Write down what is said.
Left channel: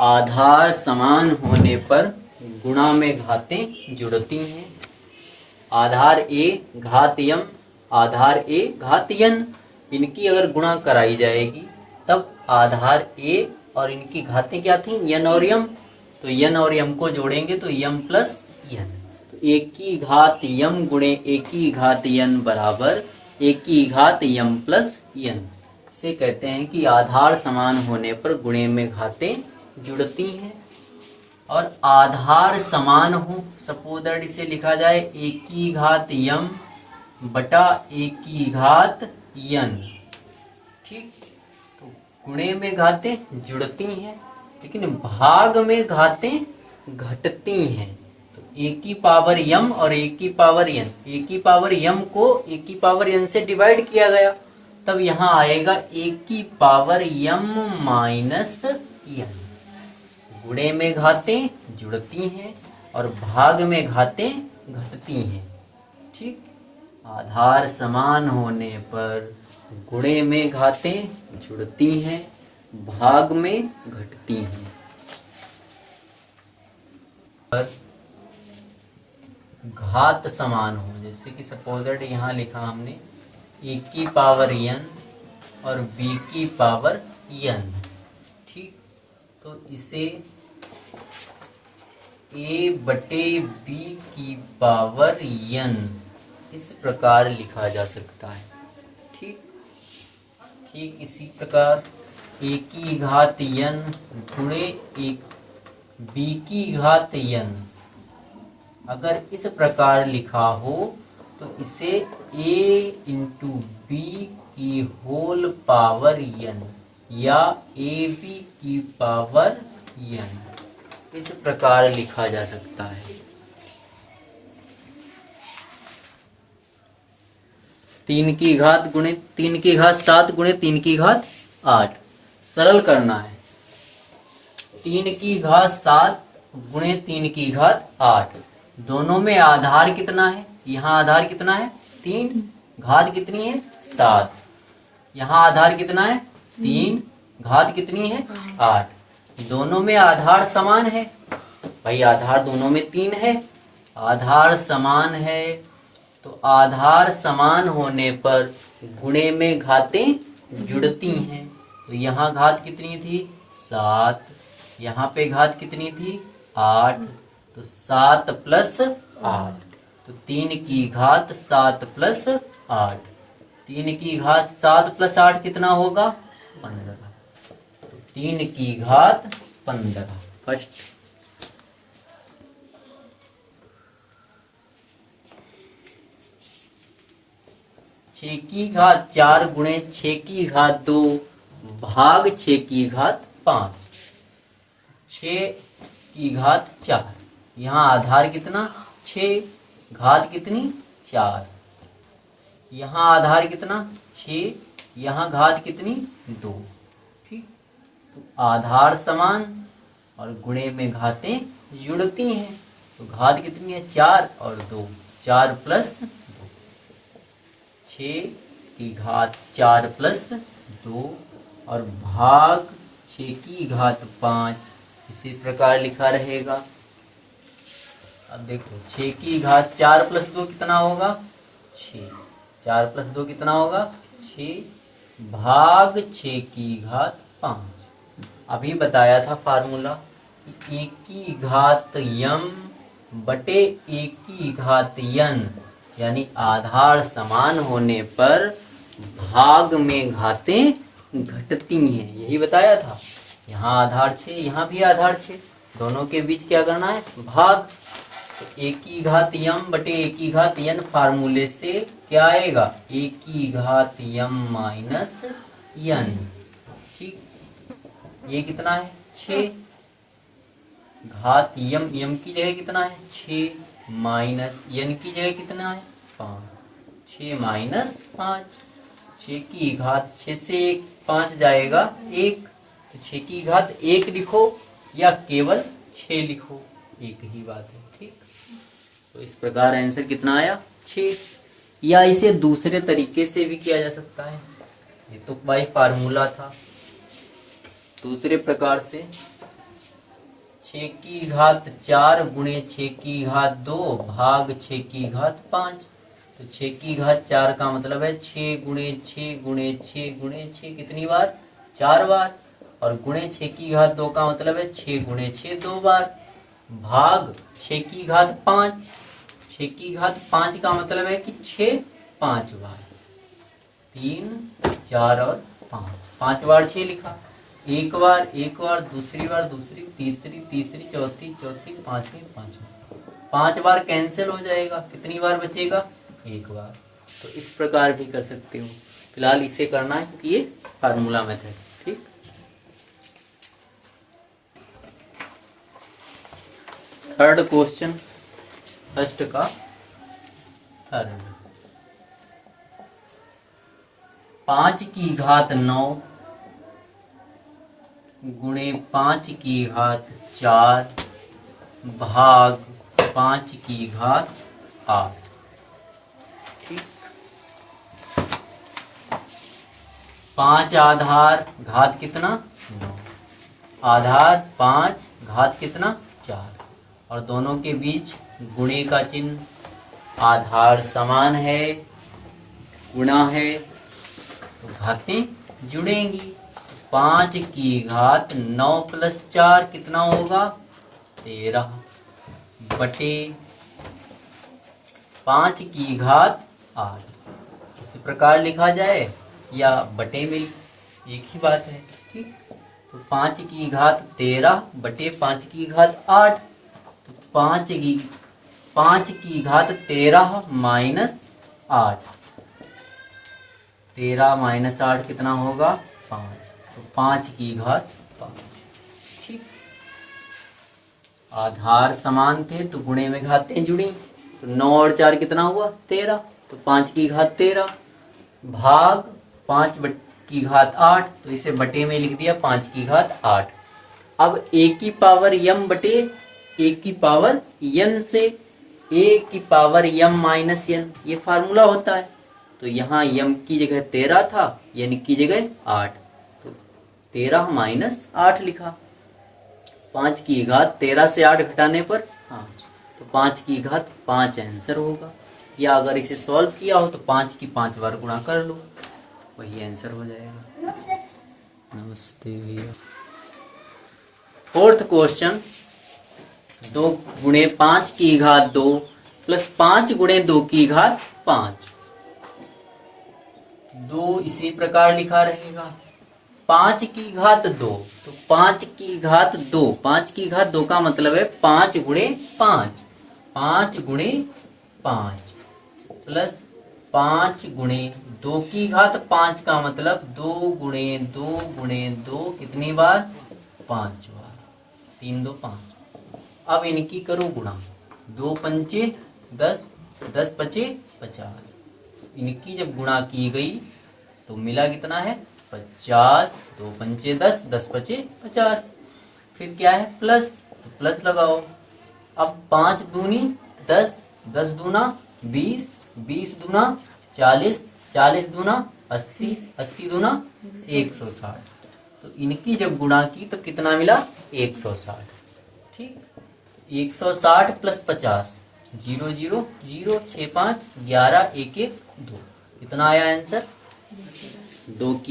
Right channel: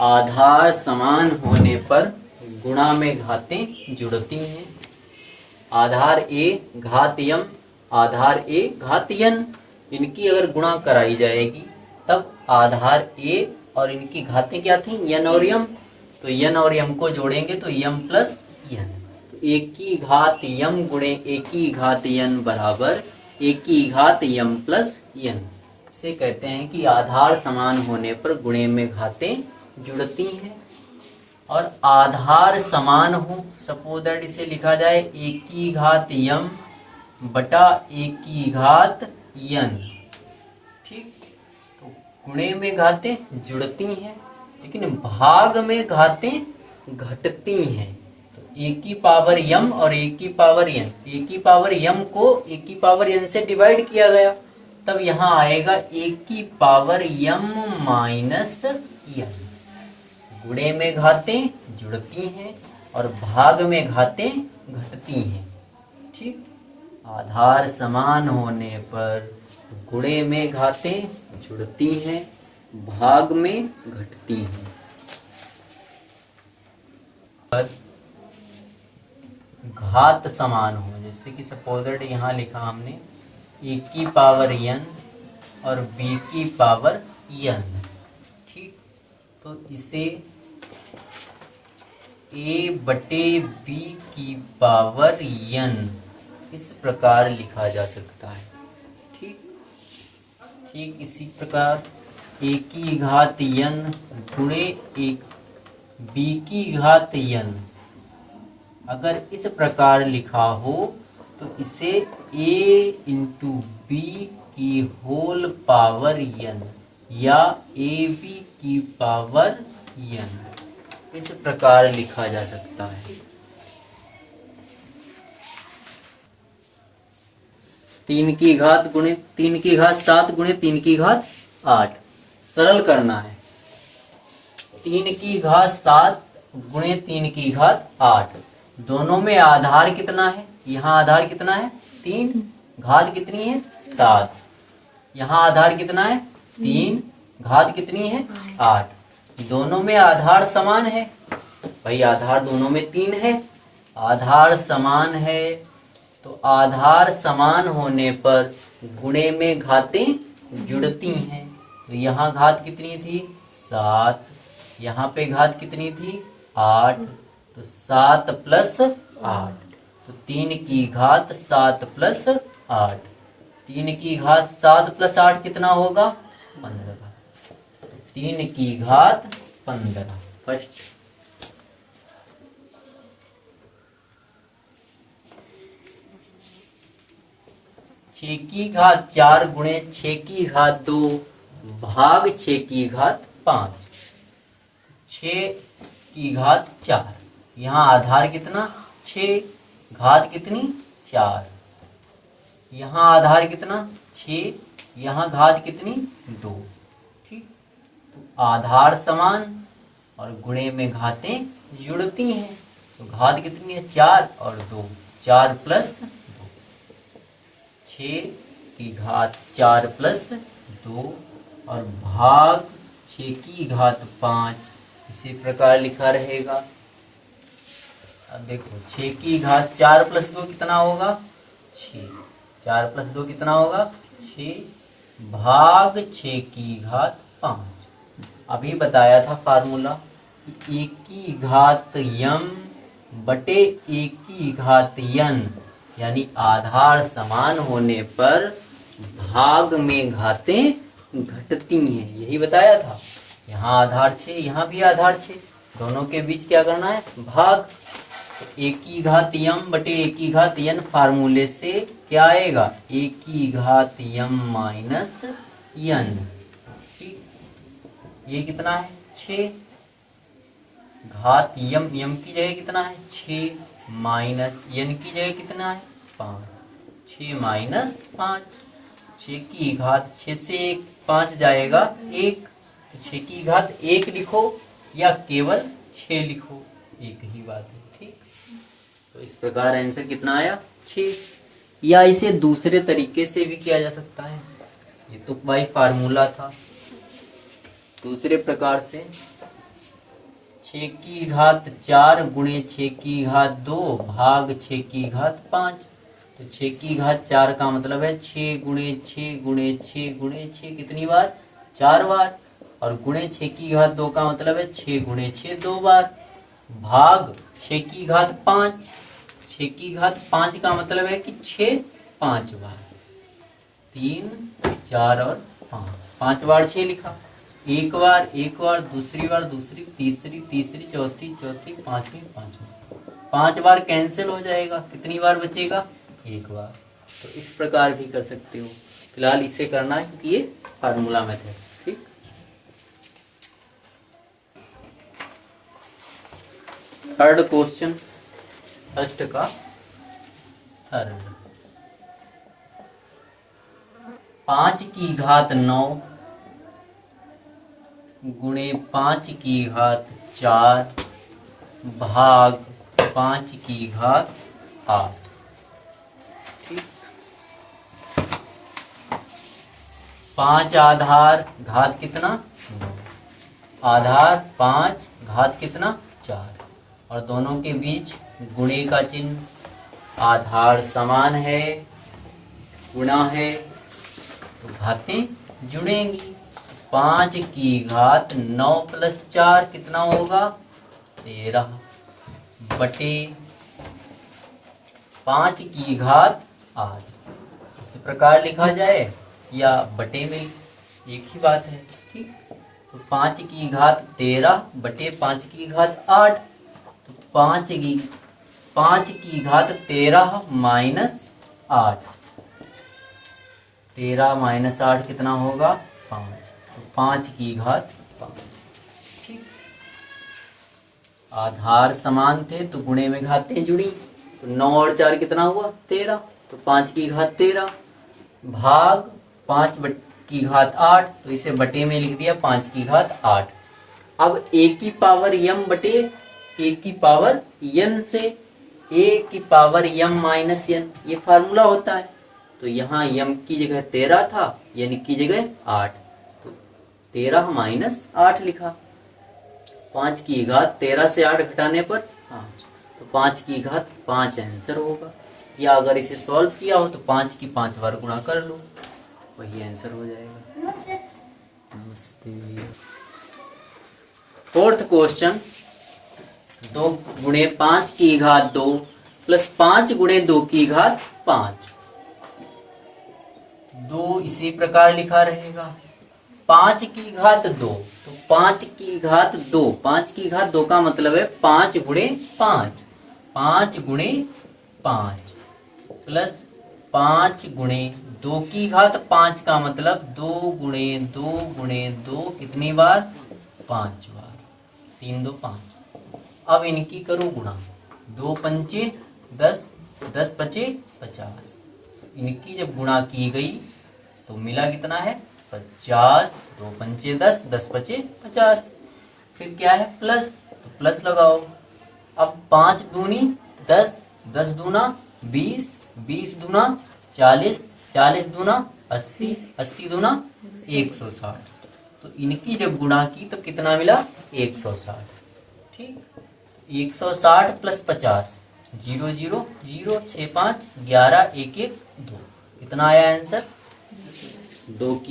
आधार समान होने पर गुणा में घातें जुड़ती हैं। आधार ए घात यम, आधार ए घात यन, इनकी अगर गुणा कराई जाएगी तब आधार ए और इनकी घातें क्या थी, यन और यम। तो यन और यम को जोड़ेंगे तो यम प्लस यन। तो एक की घात यम गुणे एक की घात यन बराबर एक की घात यम प्लस यन। इसे कहते हैं कि आधार समान होने पर गुणे में घातें जुड़ती हैं। और आधार समान हो, सपोज दैट इसे लिखा जाए एक की घात यम बटा एक की घात यन। ठीक, तो गुणे में घातें जुड़ती हैं लेकिन भाग में घातें घटती हैं। तो एक की पावर यम और एक की पावर यन, एक की पावर यम को एक की पावर यन से डिवाइड किया गया, तब यहां आएगा एक की पावर यम माइनस यन। गुणे में घातें जुड़ती हैं और भाग में घातें घटती हैं। ठीक, आधार समान होने पर गुणे में घातें जुड़ती हैं, भाग में घटती हैं। घात समान हो, जैसे कि सपोज दैट यहाँ लिखा हमने एक की पावर यन और बी की पावर यन। ठीक, तो इसे ए बटे बी की पावर यन इस प्रकार लिखा जा सकता है। ठीक, ठीक इसी प्रकार ए की घात यन गुणे एक बी की घात यन अगर इस प्रकार लिखा हो तो इसे ए इंटू बी की होल पावर यन या ए बी की पावर यन इस प्रकार लिखा जा सकता है। 3 की घात गुणे 3 की घात 7 गुणे 3 की घात 8, सरल करना है। 3 की घात 7 गुणे 3 की घात 8, दोनों में आधार कितना है, यहाँ आधार कितना है 3, घात कितनी है 7, यहाँ आधार कितना है 3, घात कितनी है 8, दोनों में आधार समान है। भाई आधार दोनों में 3 है, आधार समान है तो आधार समान होने पर गुणे में घातें जुड़ती हैं। तो यहाँ घात कितनी थी 7, यहाँ पे घात कितनी थी 8, तो 7 प्लस 8, तो 3 की घात 7 प्लस 8, 3 की घात 7 प्लस 8 कितना होगा 15, 3 की घात 15। कष्ट 6 की घात 4 गुणे 6 की घात 2 भाग 6 की घात 5, 6 की घात 4, यहाँ आधार कितना 6, घात कितनी 4, यहाँ आधार कितना 6, यहाँ घात कितनी 2। ठीक, तो आधार समान और गुणे में घातें जुड़ती हैं। तो घात कितनी है 4 और 2, 4 प्लस 2, 6 की घात 4 प्लस 2 और भाग 6 की घात 5 इसी प्रकार लिखा रहेगा। अब देखो 6 की घात 4 प्लस 2 कितना होगा 6, 4 प्लस 2 कितना होगा 6, भाग 6 की घात 5। अभी बताया था फार्मूला कि 1 की घात यम बटे 1 की घात यन, यानी आधार समान होने पर भाग में घातें घटती हैं, यही बताया था। यहाँ आधार 6, यहाँ भी आधार 6, दोनों के बीच क्या करना है भाग। तो 1 की घात यम बटे 1 की घात यन फार्मूले से क्या आएगा 1 की घात यम माइनस यन। ठीक, ये कितना है 6, घात यम, यम की जगह कितना है 6 माइनस यन की जगह कितना है 5, 6 माइनस 5, 6 की घात 6 से 1 5 जाएगा 1, तो 6 की घात 1 लिखो या केवल 6 लिखो, एक ही बात है। ठीक, तो इस प्रकार आंसर कितना आया 6। या इसे दूसरे तरीके से भी किया जा सकता है, ये तो बाई फार्मूला था। दूसरे प्रकार से 6 की घात 4 गुणे 6 की घात 2 भाग 6 की घात 5। तो 6 की घात 4 का मतलब है 6 गुणे 6 गुणे 6 गुणे 6 कितनी बार? 4 बार। और गुणे 6 की घात 2 का मतलब है 6 गुणे 6 2 बार, भाग 6 की घात 5। 6 की घात 5 का मतलब है कि 6 5 बार, 3 4 और 5 बार 6 लिखा। एक बार, दूसरी बार, दूसरी, तीसरी, चौथी, पांचवी। 5 बार कैंसिल हो जाएगा, कितनी बार बचेगा? एक बार। तो इस प्रकार भी कर सकते हो। फिलहाल इसे करना है क्योंकि ये फार्मूला मेथड। ठीक, थर्ड क्वेश्चन, फर्स्ट का थर्ड। 5 की घात 9 गुणे 5 की घात 4 भाग 5 की घात 8। ठीक, 5 आधार घात कितना? 9। आधार 5 घात कितना? 4। और दोनों के बीच गुणे का चिन्ह। आधार समान है, गुणा है, तो घातें जुड़ेंगी। 5 की घात 9 प्लस 4 कितना होगा? 13 बटे 5 की घात 8। इस प्रकार लिखा जाए या बटे में, एक ही बात है। ठीक, तो 5 की घात 13 बटे 5 की घात 8। तो 5 की घात 13 माइनस 8, 13 माइनस 8 कितना होगा? 5। तो 5 की घात 5। ठीक, आधार समान थे तो गुणे में घातें जुड़ी। तो 9 और 4 कितना हुआ? 13। तो 5 की घात 13 भाग 5 की घात 8। तो इसे बटे में लिख दिया 5 की घात 8। अब a की पावर m बटे a की पावर n से a की पावर m माइनस n, ये फार्मूला होता है। तो यहाँ m की जगह 13 था, n की जगह 8, तो 13 माइनस 8 लिखा। 5 की घात 13 से 8 घटाने पर 5, तो 5 की घात 5 आंसर होगा। या अगर इसे सॉल्व किया हो तो 5 की 5 बार गुणा कर लो, वही आंसर हो जाएगा। नमस्ते भैया। फोर्थ क्वेश्चन, 2 गुणे 5 की घात 2 प्लस 5 गुणे 2 की घात 5। 2 इसी प्रकार लिखा रहेगा। 5 की घात 2, तो 5 की घात 2, 5 की घात 2 का मतलब है 5 गुणे 5, 5 गुणे 5 प्लस 5 गुणे 2 की घात 5 का मतलब 2 गुणे 2 गुणे 2 कितनी बार? 5 बार, 3 2 5। अब इनकी करो गुणा। 2 पंचे 10, 10 पचे 50। इनकी जब गुणा की गई तो मिला कितना है? 50। 2 पंचे 10, 10 पचे 50। फिर क्या है? प्लस, तो प्लस लगाओ। अब 5 दूनी 10, 10 दूना 20, 20 दूना 40, 40 दूना 80, 80 दूना 160। तो इनकी जब गुणा की तो कितना मिला? 160। ठीक, 160 प्लस 50, 0 0 0, 6 5 11, 1 1 2, कितना आया आंसर? 2 की